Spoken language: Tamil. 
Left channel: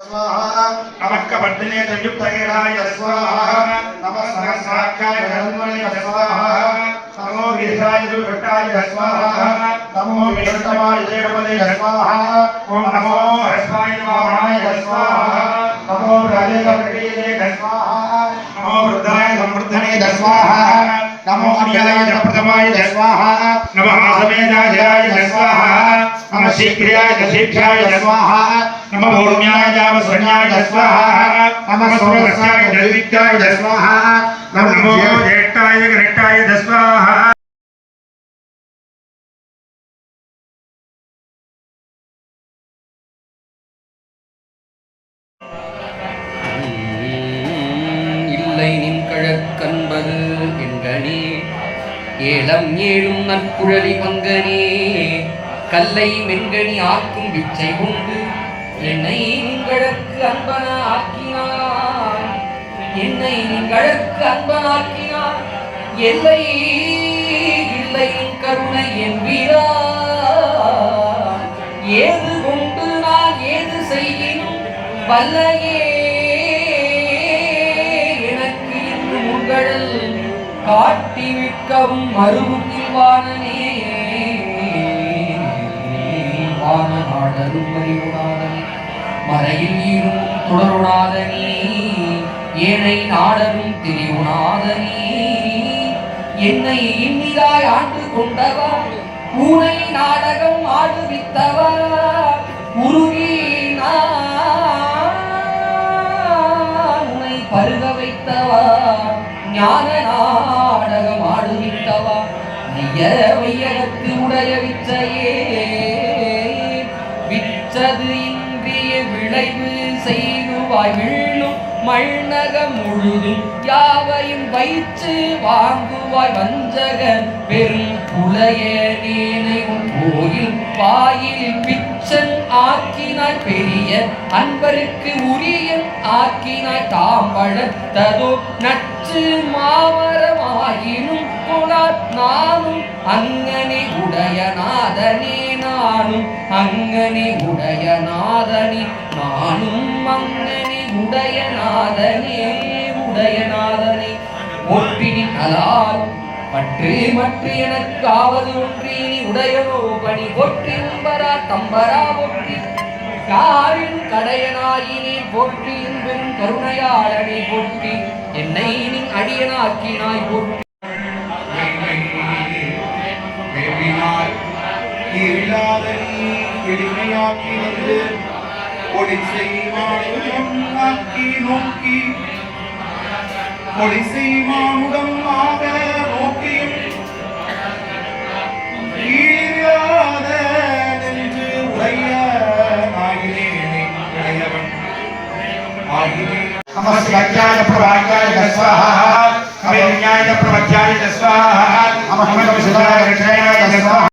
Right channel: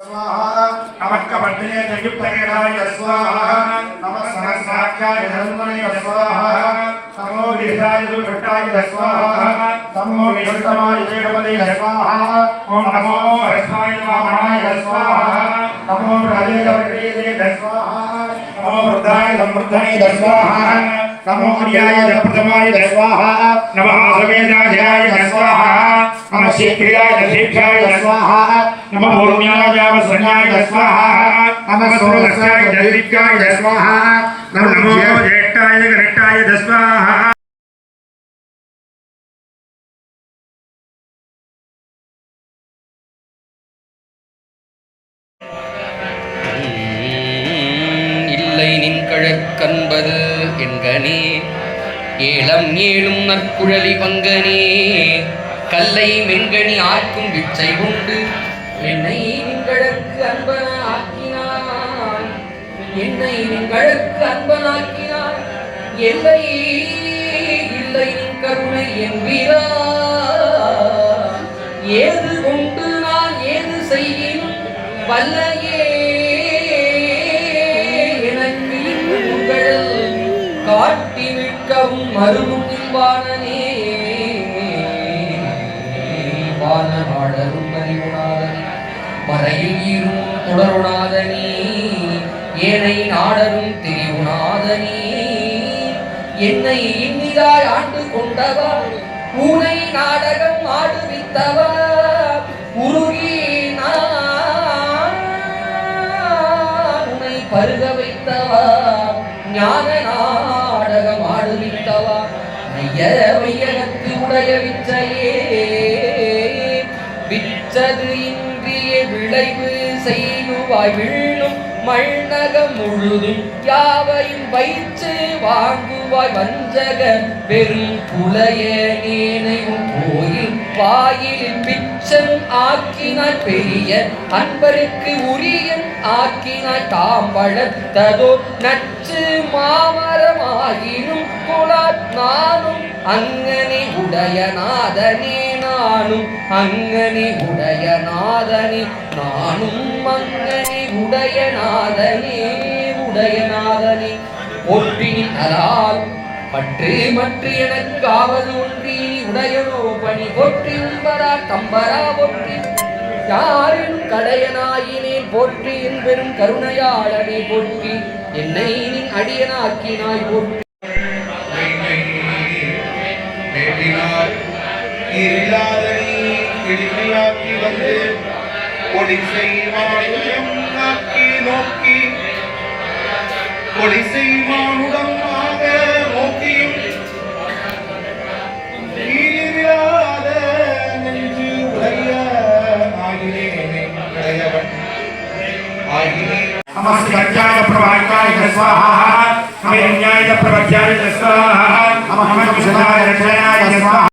नमः कपट्टिने संयुक्तकेनाय स्वाहा नमः सहस्राख्याय धर्मणे स्वाहा नमो गिरिराज दुर्घटाय स्वाहा नमो विष्णुमाय जगपते स्वाहा ओम नमो हर्षाय वामनाय स्वाहा नमो राजेन्द्रपतिये स्वाहा नमो वृद्धाय समृद्धने स्वाहा नमो अन्याय प्रथमाय स्वाहा नमः आसवेदाय स्वाहा नमः शीघ्राय दीक्षाय स्वाहा नमः भूम्याय वसन्याय स्वाहा नमः सूर्याय दीप्ताय स्वाहा नमो ज्येष्ठाय गणेशाय स्वाहा இல்லை நின் கழற்கன்பது என்கனே ஏலம் ஏழும் நற்குழலி பங்கனே கல்லை மென்கனி ஆக்கும் விச்சை உண்டு என்னை நின்கழற்கு அன்பன ஆக்கினாய் என்னை நின்கழற்கு அன்பனாக்கினாய் எல்லை இல்லை நின் கருணை என்பீரா ஏது கொண்டு நான் ஏது செய்யினும் வல்லையே எனக்கு இன்றுகள் காட்டி நிற்கவும் மருவும் வானனே வானநாடரும் அறிவுணாதனே மறையில் ஈரும் தொடருணாதனே ஏனை நாடரும் திரிவுணாதனே என்னை இன்னிதாய் ஆண்டு கொண்டவா பூனை நாடகம் ஆடுவித்தவா உருகி உன்னை பருக வைத்தவா ஞான நாடகம் ஆடுவித்தவா நைய வையகத்து உடைய விச்சையே விச்சது இன்றிய விளைவு செய்குவாய் விழும் மண்ணகம் முழுதும் யாவையும் வைத்து வாங்குவாய் வஞ்சகன் பெரும் புலைய நீனையும் கோயில் வாயிலில் பிச்சன் ஆக்கினாய் பெரிய அன்பருக்கு உரியன் ஆக்கினாய் தாம்பழத்ததோ நச்சு மாமரமாயினும் கொலாத் நானும் அங்கனே உடையநாதனே நானும் அங்கனே உடையநாதனே நானும் அங்கனே உடையநாதனே உடையநாதனே ஒற்றினின் அலால் பற்று மற்ற எனக்கு ஆவது ஒன்றி உடையனோ பணி ஒற்றி உம்பரா தம்பரா ஒற்றி யாரின் கடையனாயினே போற்றி என் பெரும் கருணையாளனே போற்றி என்னை நின் அடியனாக்கினாய் போற்றி नमस्काराय प्रभाकाय स्वाहा नमः न्याय प्रवज्याय स्वाहा नमः कपिलाय स्वाहा।